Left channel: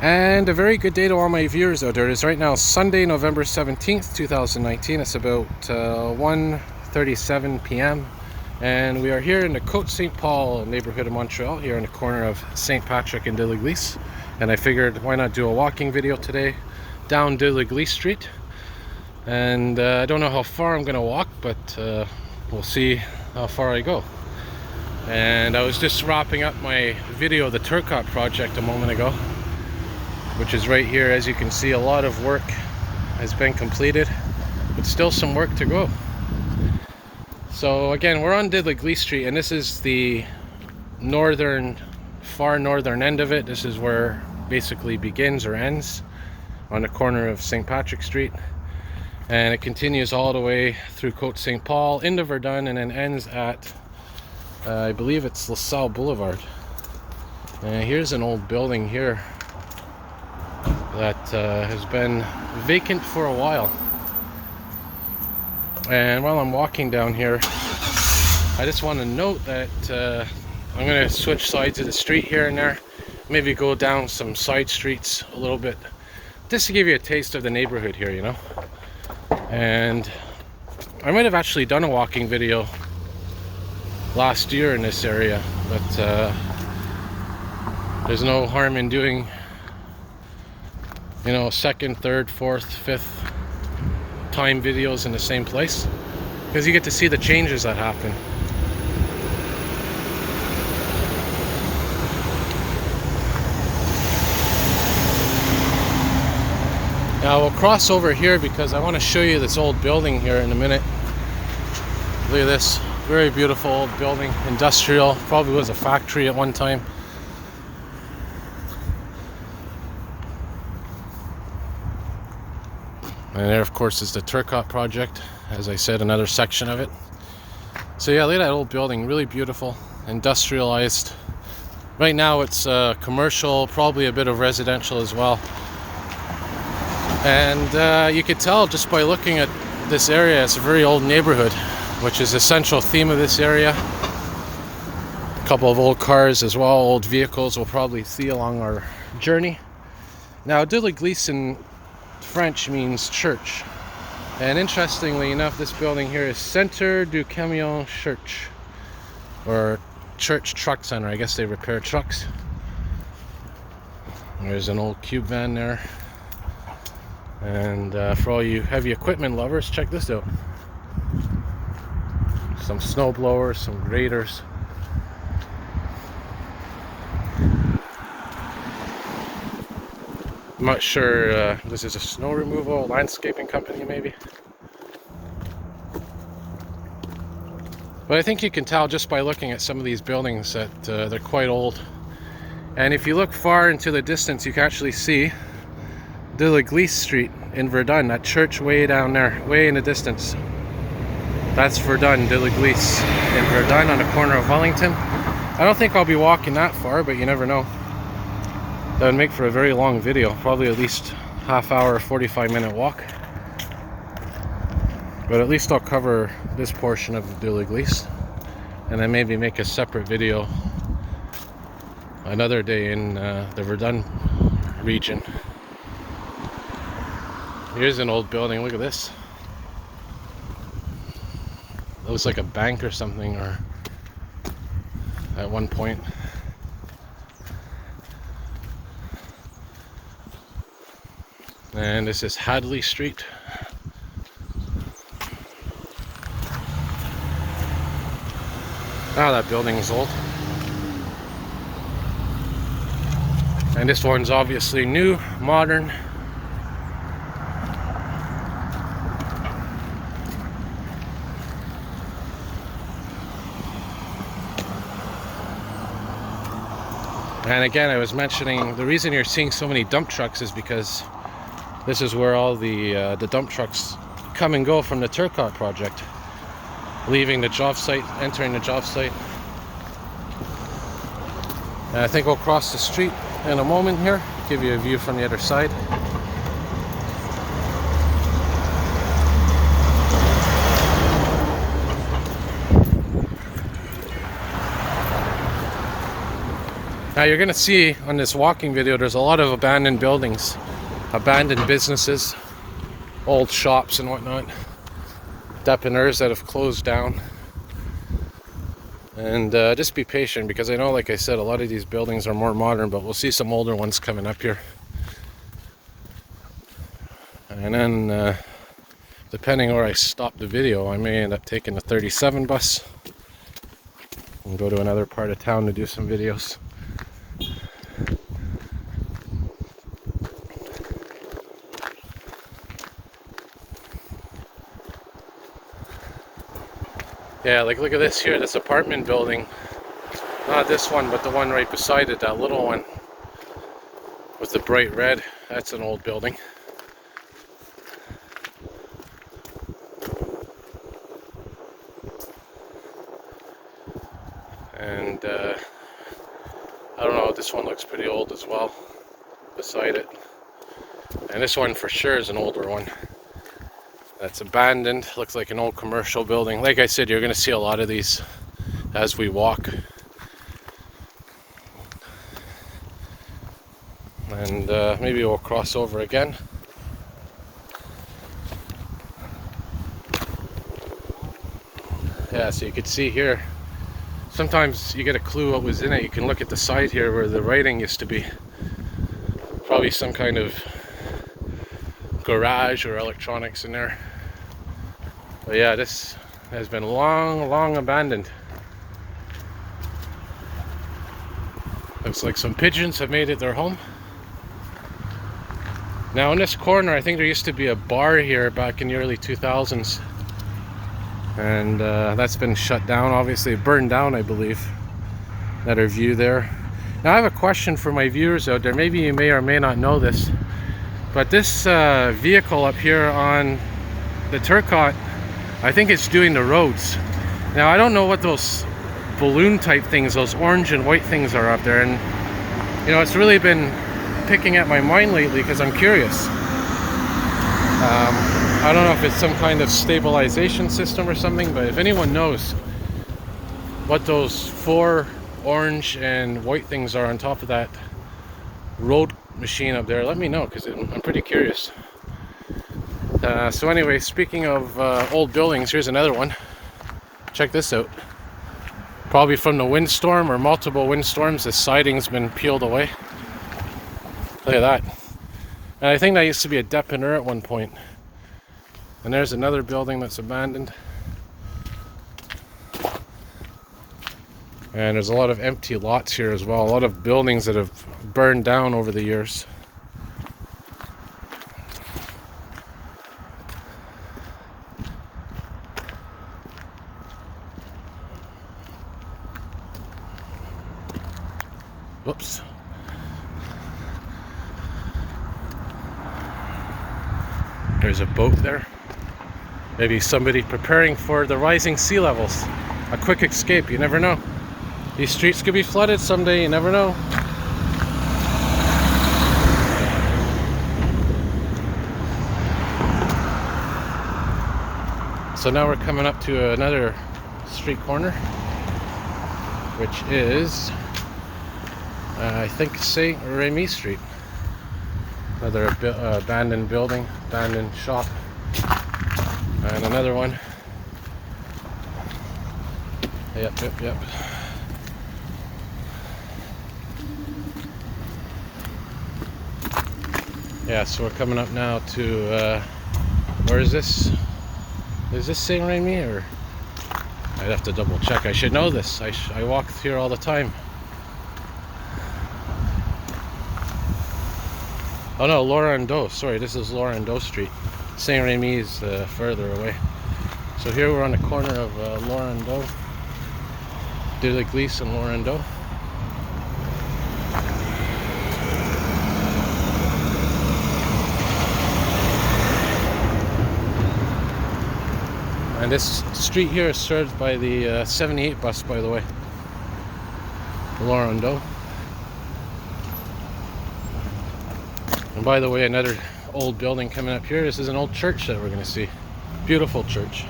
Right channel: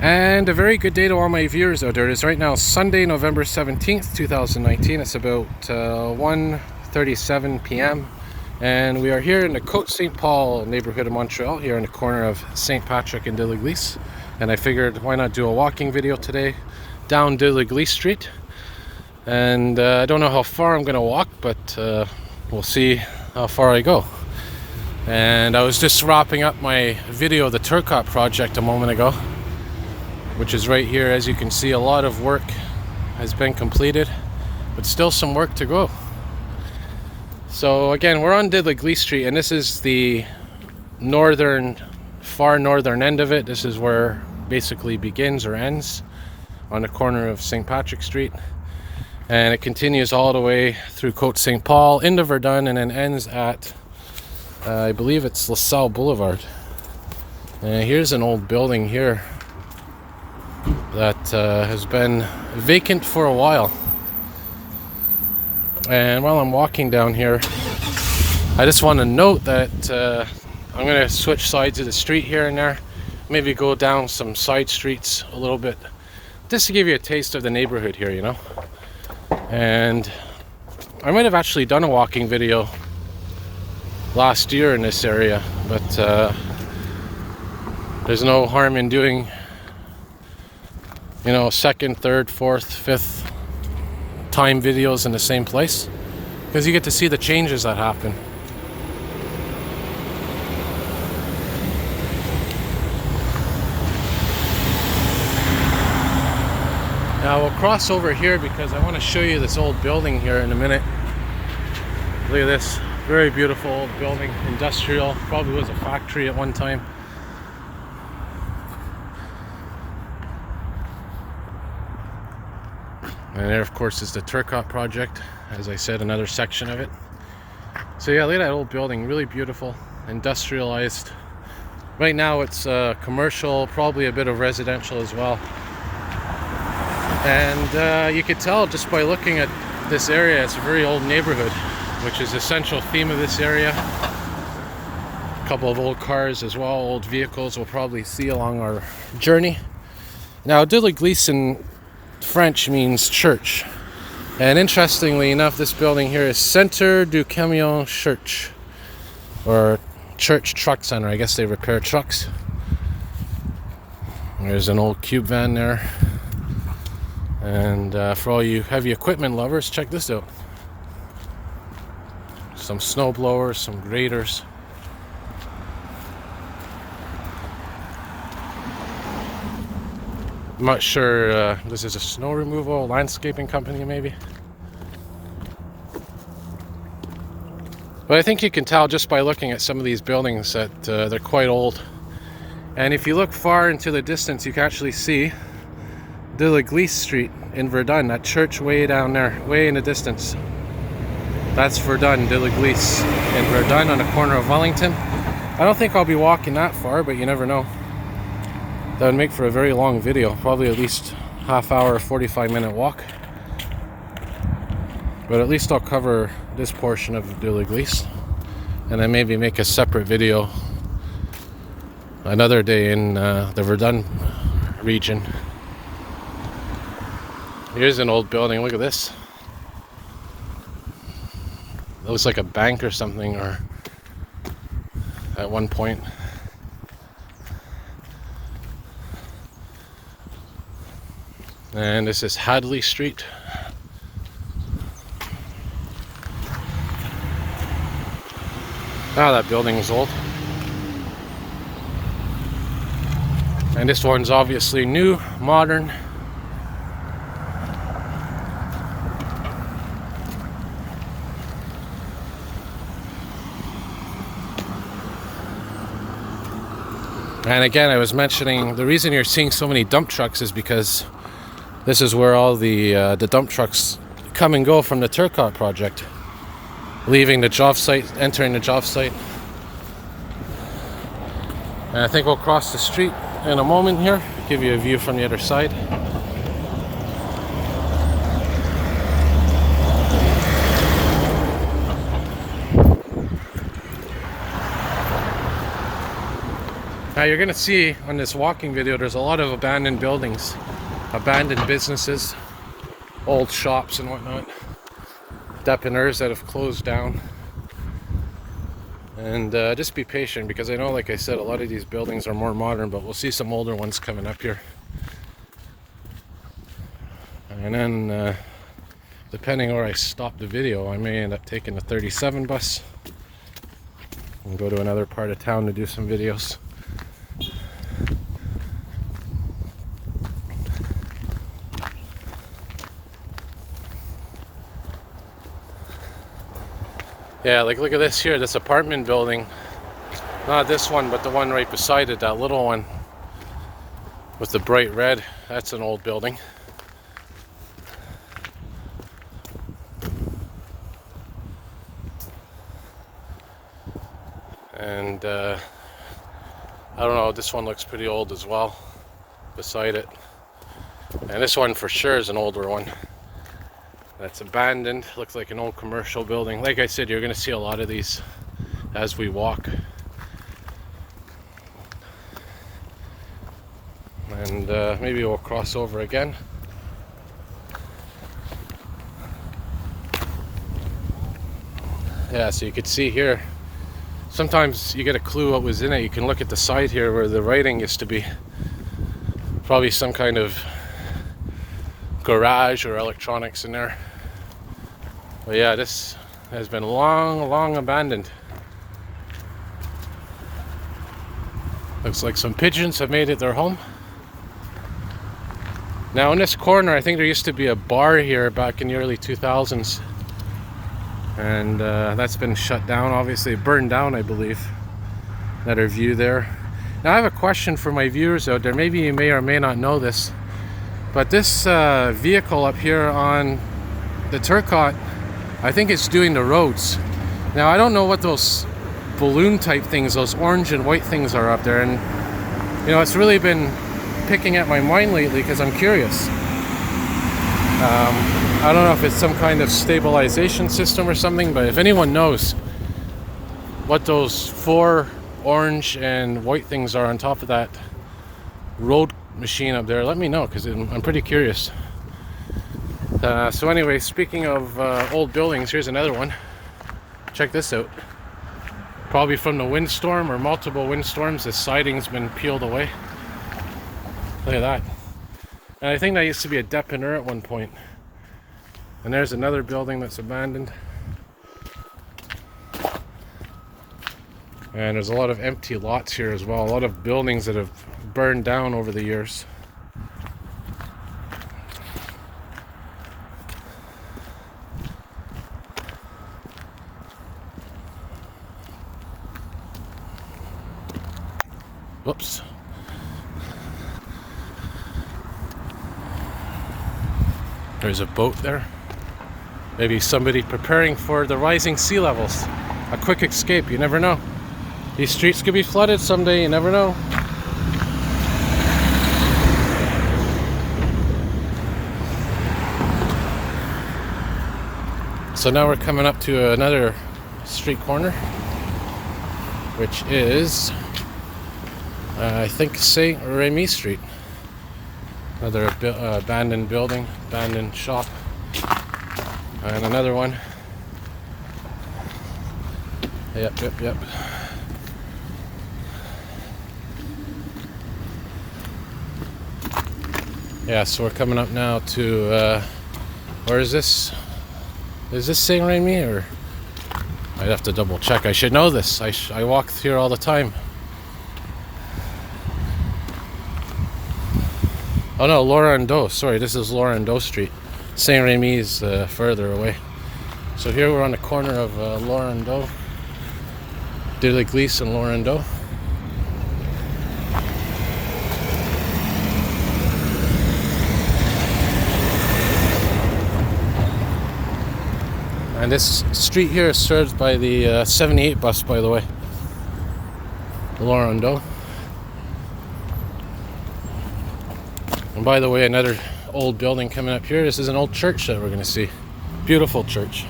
And a very good day to all my viewers out there. It is right now Sunday, November 17th, 2019. It's about 1:37 p.m. And we are here in the Côte-Saint-Paul neighborhood of Montreal, here in the corner of St. Patrick and de l'Église. And I figured, why not do a walking video today down de l'Église Street. And I don't know how far I'm going to walk, but we'll see how far I go. And I was just wrapping up my video of the Turcotte project a moment ago, which is right here. As you can see, a lot of work has been completed, but still some work to go. So again, we're on de l'Église Street, and this is the far northern end of it. This is where basically begins or ends, on the corner of St. Patrick Street, and it continues all the way through Côte-Saint-Paul into Verdun, and then ends at I believe it's LaSalle Boulevard. And here's an old building here that has been vacant for a while. And while I'm walking down here, I just want to note that I'm going to switch sides of the street here and there, maybe go down some side streets a little bit, just to give you a taste of the neighborhood here, you know. And I might have actually done a walking video last year in this area, but there's no harm in doing, you know, second, third, fourth, fifth time videos in the same place, because you get to see the changes that happen. Now we'll cross over here because I want to show you this old building here in a minute. Look at this, very beautiful old building, industrial, probably was a factory at one time. And there, of course, is the Turcotte project. As I said, another section of it. So yeah, look at that old building, really beautiful, industrialized. Right now it's commercial, probably a bit of residential as well. And you could tell just by looking at this area, it's a very old neighborhood, which is a central theme of this area. A couple of old cars as well, old vehicles we'll probably see along our journey. Now, de l'Église in French means church, and interestingly enough, this building here is Centre du Camion Church, or Church Truck Center. I guess they repair trucks. There's an old cube van there, and for all you heavy equipment lovers, check this out. Some snow blowers, some graders. I'm not sure, this is a snow removal landscaping company maybe. But I think you can tell just by looking at some of these buildings that they're quite old. And if you look far into the distance, you can actually see de l'Église Street in Verdun, that church way down there, way in the distance. That's Verdun, de l'Église in Verdun on the corner of Wellington. I don't think I'll be walking that far, but you never know. That would make for a very long video, probably at least half hour, 45-minute walk. But at least I'll cover this portion of de l'Église, and then maybe make a separate video another day in the Verdun region. Here's an old building, look at this. It looks like a bank or something, or at one point. And this is Hadley Street. Ah, that building is old. And this one's obviously new, modern. And again, I was mentioning the reason you're seeing so many dump trucks is because this is where all the dump trucks come and go from the Turcotte project, leaving the job site, entering the job site. And I think we'll cross the street in a moment here, give you a view from the other side. Now you're gonna see on this walking video, there's a lot of abandoned buildings, abandoned businesses, old shops and whatnot, dépanneurs that have closed down. And just be patient, because I know, like I said, a lot of these buildings are more modern, but we'll see some older ones coming up here. And then depending where I stop the video, I may end up taking the 37 bus and go to another part of town to do some videos. Yeah, like look at this here, this apartment building. Not this one, but the one right beside it, that little one with the bright red. That's an old building. And I don't know, this one looks pretty old as well beside it. And this one for sure is an older one. That's abandoned, looks like an old commercial building. Like I said, you're going to see a lot of these as we walk. And maybe we'll cross over again. Yeah, so you can see here, sometimes you get a clue what was in it. You can look at the side here where the writing used to be. Probably some kind of garage or electronics in there. But yeah, this has been long abandoned. Looks like some pigeons have made it their home. Now in this corner, I think there used to be a bar here back in the early 2000s. And that's been shut down, obviously. It burned down, I believe. Another view there. Now I have a question for my viewers out there. Maybe you may or may not know this. But this vehicle up here on the Turcotte, I think it's doing the roads. Now I don't know what those balloon type things, those orange and white things are up there, and you know, it's really been picking at my mind lately because I'm curious. I don't know if it's some kind of stabilization system or something, but if anyone knows what those 4 orange and white things are on top of that road machine up there, let me know, because I'm pretty curious. So anyway, speaking of old buildings, here's another one. Check this out. Probably from the windstorm or multiple windstorms, the siding's been peeled away. Look at that. And I think that used to be a dépanneur at one point. And there's another building that's abandoned. And there's a lot of empty lots here as well. A lot of buildings that have burned down over the years. Whoops. There's a boat there. Maybe somebody preparing for the rising sea levels. A quick escape, you never know. These streets could be flooded someday, you never know. So now we're coming up to another street corner, which is I think St. Remy Street. Another abandoned building, abandoned shop. And another one. Yep. Yeah, so we're coming up now to, where is this? Is this St. Remy, or? I'd have to double check. I should know this. I walk here all the time. Oh no, Laurent-Dos. Sorry, this is Laurent-Dos Street. St. Remy is further away. So here we're on the corner of Laurent-Dos, de l'Église and Laurent-Dos. And this street here is served by the 78 bus, by the way. Laurent-Dos. And by the way, another old building coming up here. This is an old church that we're going to see. Beautiful church.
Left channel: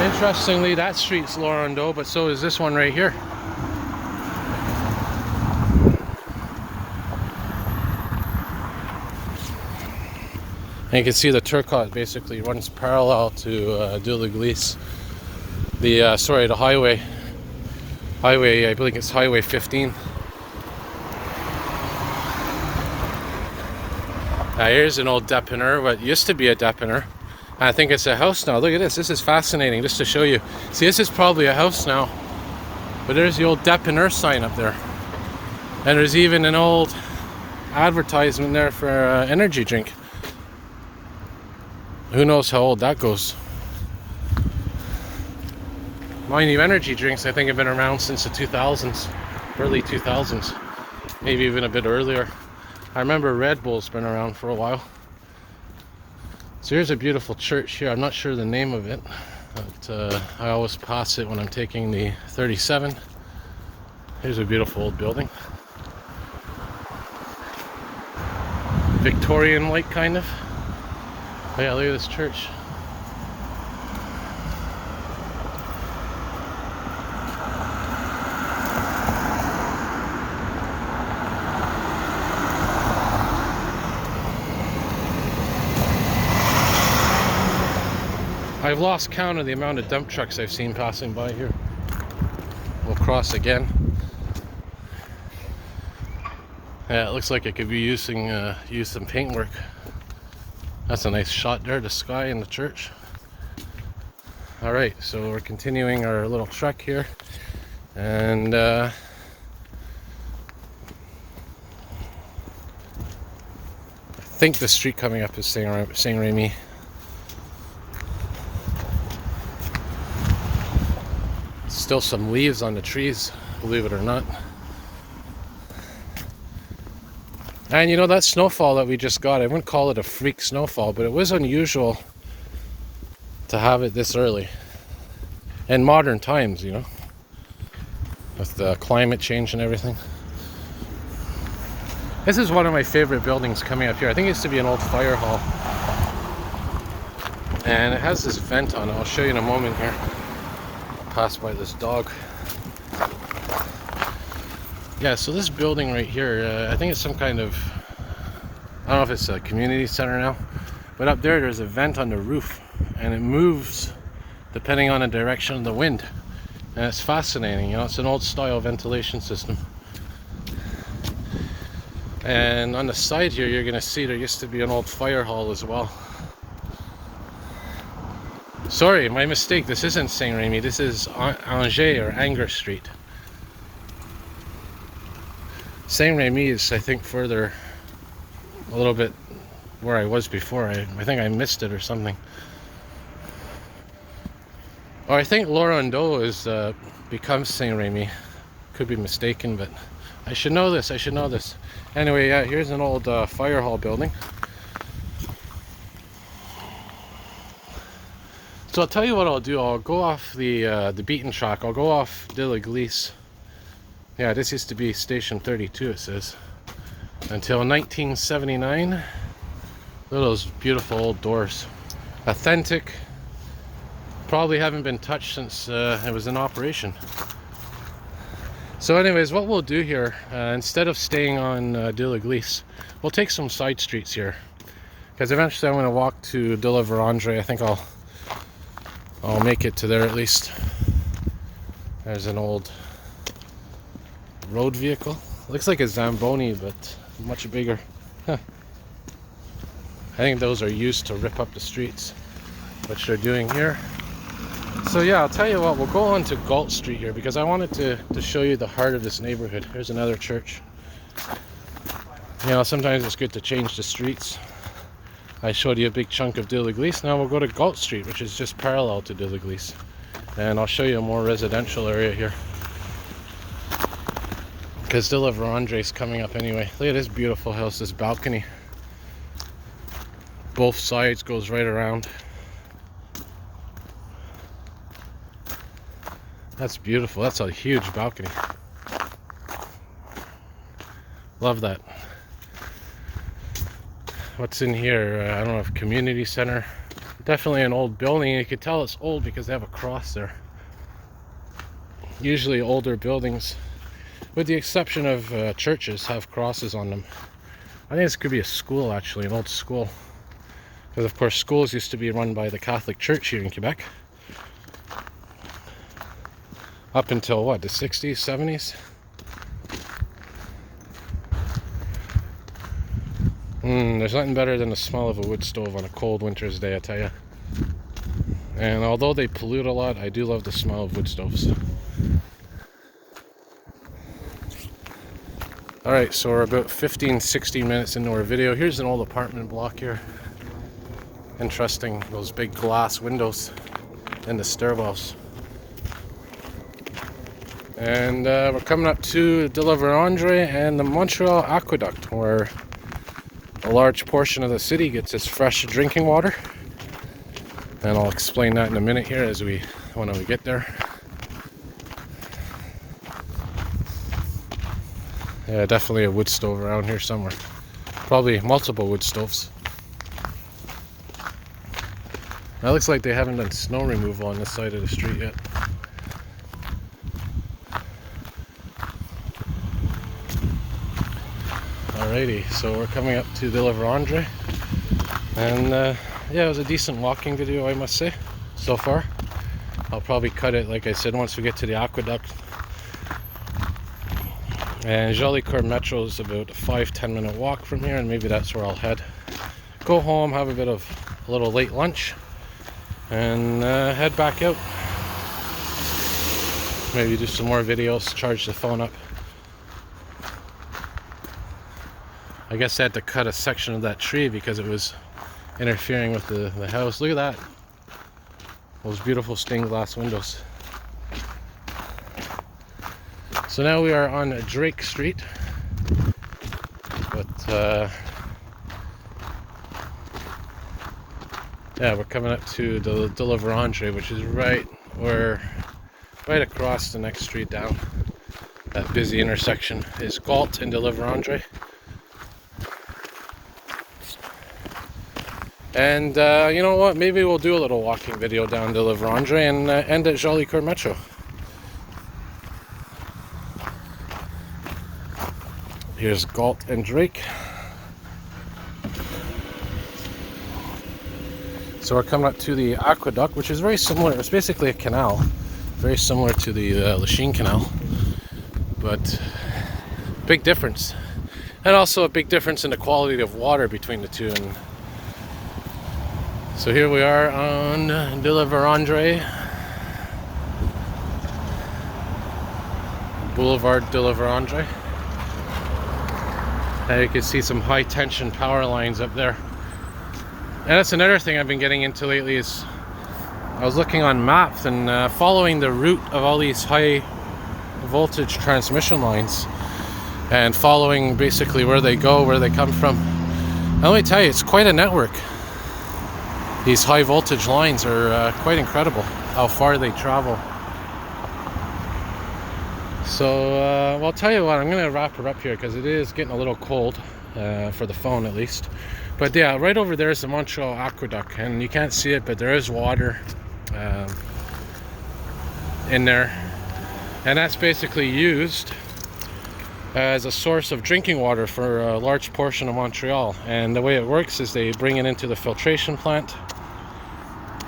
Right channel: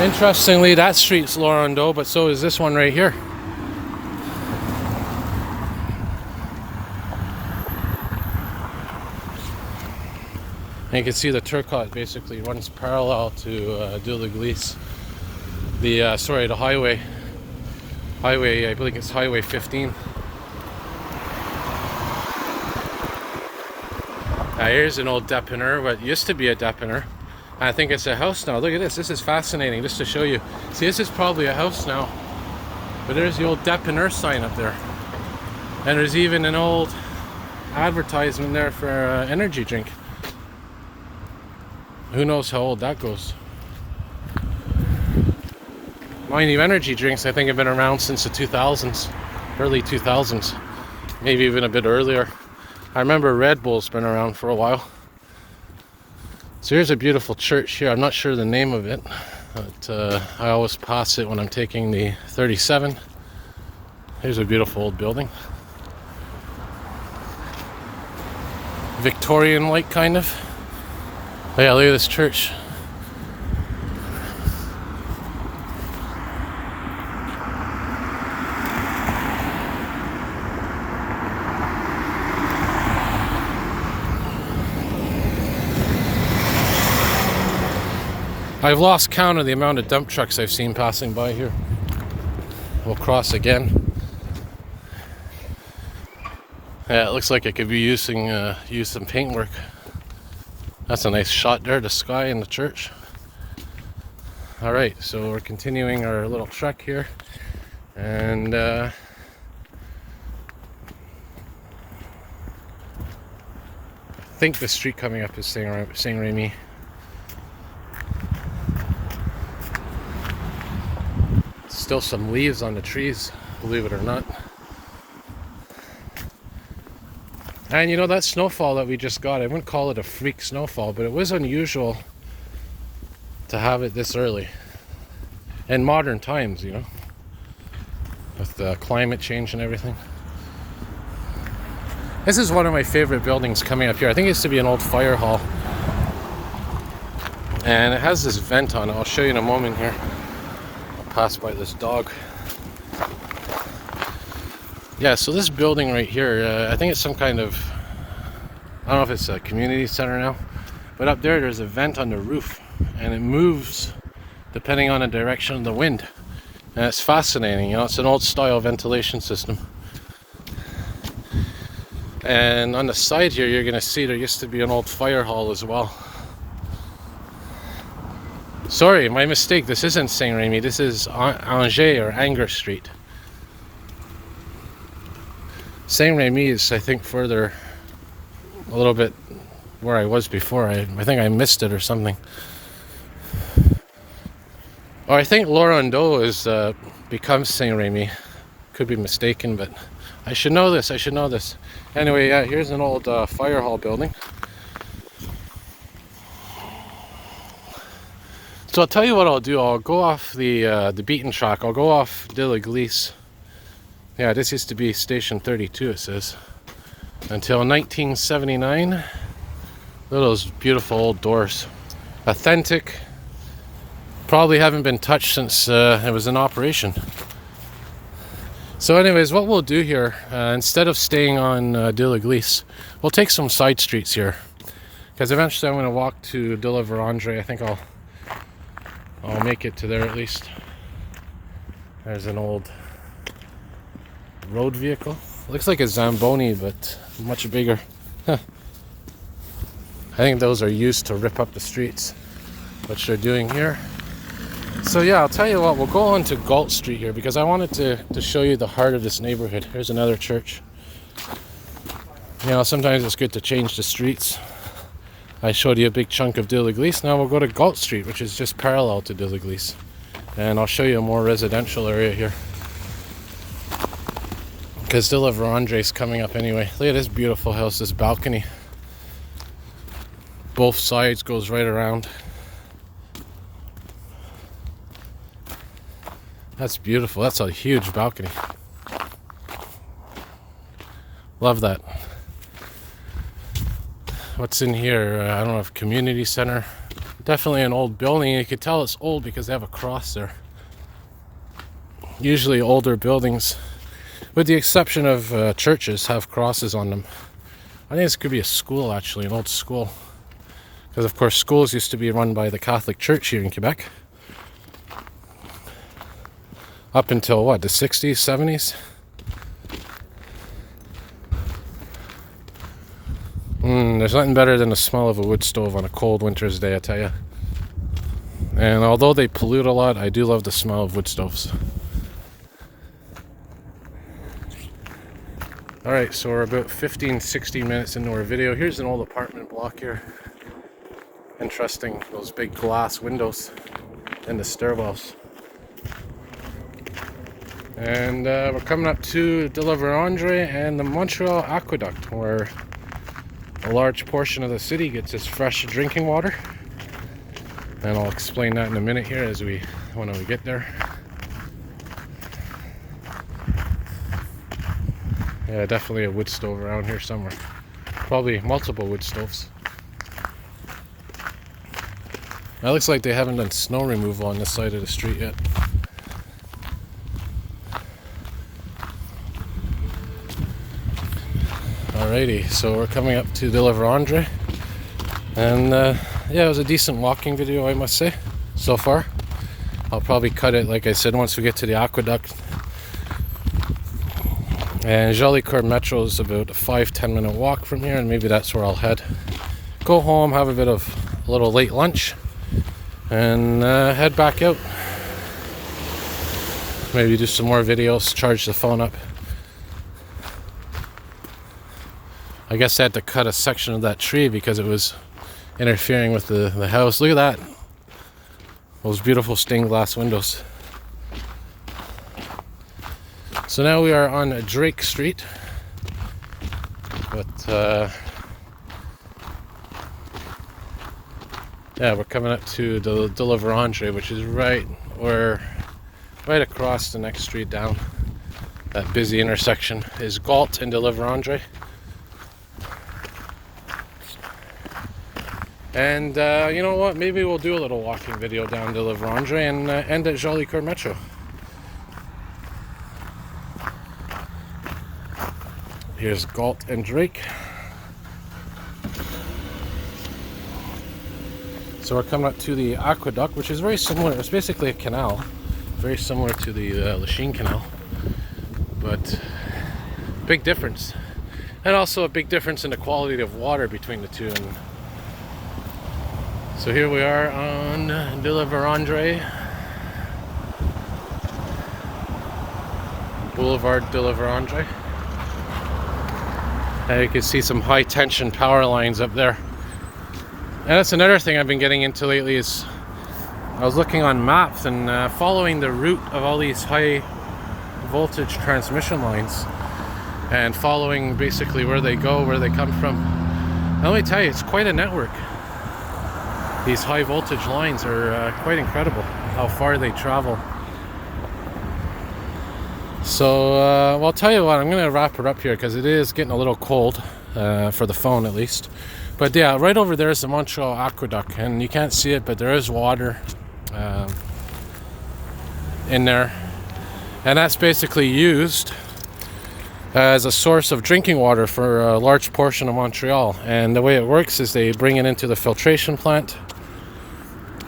Interestingly, that street's Laurendeau, but so is this one right here. And you can see the Turcotte basically runs parallel to de l'Église. The highway, I believe it's Highway 15. Now here's an old dépanneur, what used to be a dépanneur. I think it's a house now. Look at this. This is fascinating just to show you. See, this is probably a house now. But there's the old dépanneur sign up there. And there's even an old advertisement there for energy drink. Who knows how old that goes. Mind you, energy drinks I think have been around since the 2000s. Early 2000s. Maybe even a bit earlier. I remember Red Bull's been around for a while. So here's a beautiful church here. I'm not sure the name of it, but I always pass it when I'm taking the 37. Here's a beautiful old building. Victorian-like, kind of. Oh yeah, look at this church. I've lost count of the amount of dump trucks I've seen passing by here. We'll cross again. Yeah, it looks like it could be used some paintwork. That's a nice shot there, the sky and the church. Alright, so we're continuing our little trek here. And I think the street coming up is Saint-Rémy. Still some leaves on the trees, believe it or not. And you know, that snowfall that we just got, I wouldn't call it a freak snowfall, but it was unusual to have it this early. In modern times, you know, with the climate change and everything. This is one of my favorite buildings coming up here. I think it used to be an old fire hall. And it has this vent on it. I'll show you in a moment here. Pass by this dog. Yeah, so this building right here, I think it's some kind of, I don't know if it's a community center now, but up there's a vent on the roof, and it moves depending on the direction of the wind. And it's fascinating, you know, it's an old style ventilation system. And on the side here, you're gonna see there used to be an old fire hall as well. Sorry, my mistake. This isn't Saint-Rémy. This is Angers or Anger Street. Saint-Rémy is, I think, further a little bit where I was before. I think I missed it or something. Oh, I think Laurendeau is becomes Saint-Rémy. Could be mistaken, but I should know this. I should know this. Anyway, yeah, here's an old fire hall building. So I'll tell you what I'll do. I'll go off the beaten track. I'll go off de l'Église. Yeah, this used to be Station 32, it says. Until 1979. Look at those beautiful old doors. Authentic. Probably haven't been touched since it was in operation. So anyways, what we'll do here, instead of staying on de l'Église, we'll take some side streets here. Because eventually I'm going to walk to de la Vérandre. I think I'll make it to there at least. There's an old road vehicle. Looks like a Zamboni, but much bigger. I think those are used to rip up the streets, which they're doing here. So yeah, I'll tell you what, we'll go on to Galt Street here because I wanted to show you the heart of this neighborhood. Here's another church. You know, sometimes it's good to change the streets. I showed you a big chunk of de l'Église. Now we'll go to Galt Street, which is just parallel to de l'Église. And I'll show you a more residential area here. Because de la Vérandre is coming up anyway. Look at this beautiful house, this balcony. Both sides goes right around. That's beautiful. That's a huge balcony. Love that. What's in here? I don't know if community center. Definitely an old building. You could tell it's old because they have a cross there. Usually older buildings, with the exception of churches, have crosses on them. I think this could be a school, actually, an old school. Because of course schools used to be run by the Catholic Church here in Quebec. Up until what, the 60s, 70s? There's nothing better than the smell of a wood stove on a cold winter's day, I tell you. And although they pollute a lot, I do love the smell of wood stoves. Alright, so we're about 15-16 minutes into our video. Here's an old apartment block here. Interesting, those big glass windows in the stairwells. And we're coming up to De La Vérendrye and the Montreal aqueduct, where a large portion of the city gets its fresh drinking water. And I'll explain that in a minute here when we get there. Yeah, definitely a wood stove around here somewhere. Probably multiple wood stoves. It looks like they haven't done snow removal on this side of the street yet. Alrighty, so we're coming up to De La Vérendrye. And yeah, it was a decent walking video, I must say, so far. I'll probably cut it, like I said, once we get to the aqueduct. And Jolicoeur Metro is about a 5-10 minute walk from here, and maybe that's where I'll head. Go home, have a little late lunch, and head back out. Maybe do some more videos, charge the phone up. I guess I had to cut a section of that tree because it was interfering with the house. Look at that. Those beautiful stained glass windows. So now we are on Drake Street. But yeah, we're coming up to De La Vérendrye, which is right across the next street down. That busy intersection is Galt and De La Vérendrye. And you know what? Maybe we'll do a little walking video down De La Vérendrye and end at Jolicoeur Metro. Here's Galt and Drake. So we're coming up to the aqueduct, which is very similar. It's basically a canal, very similar to the Lachine Canal, but big difference. And also a big difference in the quality of water between the two. And so here we are on De La Vérendrye, Boulevard De La Vérendrye. And you can see some high tension power lines up there. And that's another thing I've been getting into lately is I was looking on maps and following the route of all these high voltage transmission lines and following basically where they go, where they come from. And let me tell you, it's quite a network. These high voltage lines are quite incredible how far they travel. So well, I'll tell you what, I'm going to wrap it up here because it is getting a little cold for the phone at least. But yeah, right over there is the Montreal aqueduct, and you can't see it, but there is water in there, and that's basically used as a source of drinking water for a large portion of Montreal. And the way it works is they bring it into the filtration plant.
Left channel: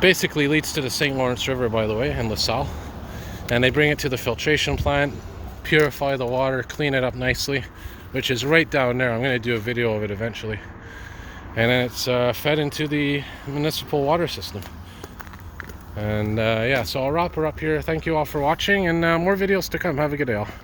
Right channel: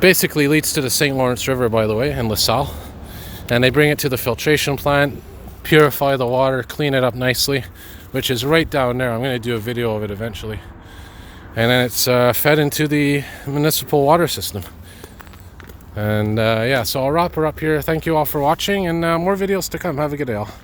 Basically leads to the St. Lawrence River, by the way, in LaSalle. And they bring it to the filtration plant, purify the water, clean it up nicely, which is right down there. I'm going to do a video of it eventually. And then it's fed into the municipal water system. And yeah, so I'll wrap her up here. Thank you all for watching, and more videos to come. Have a good day all.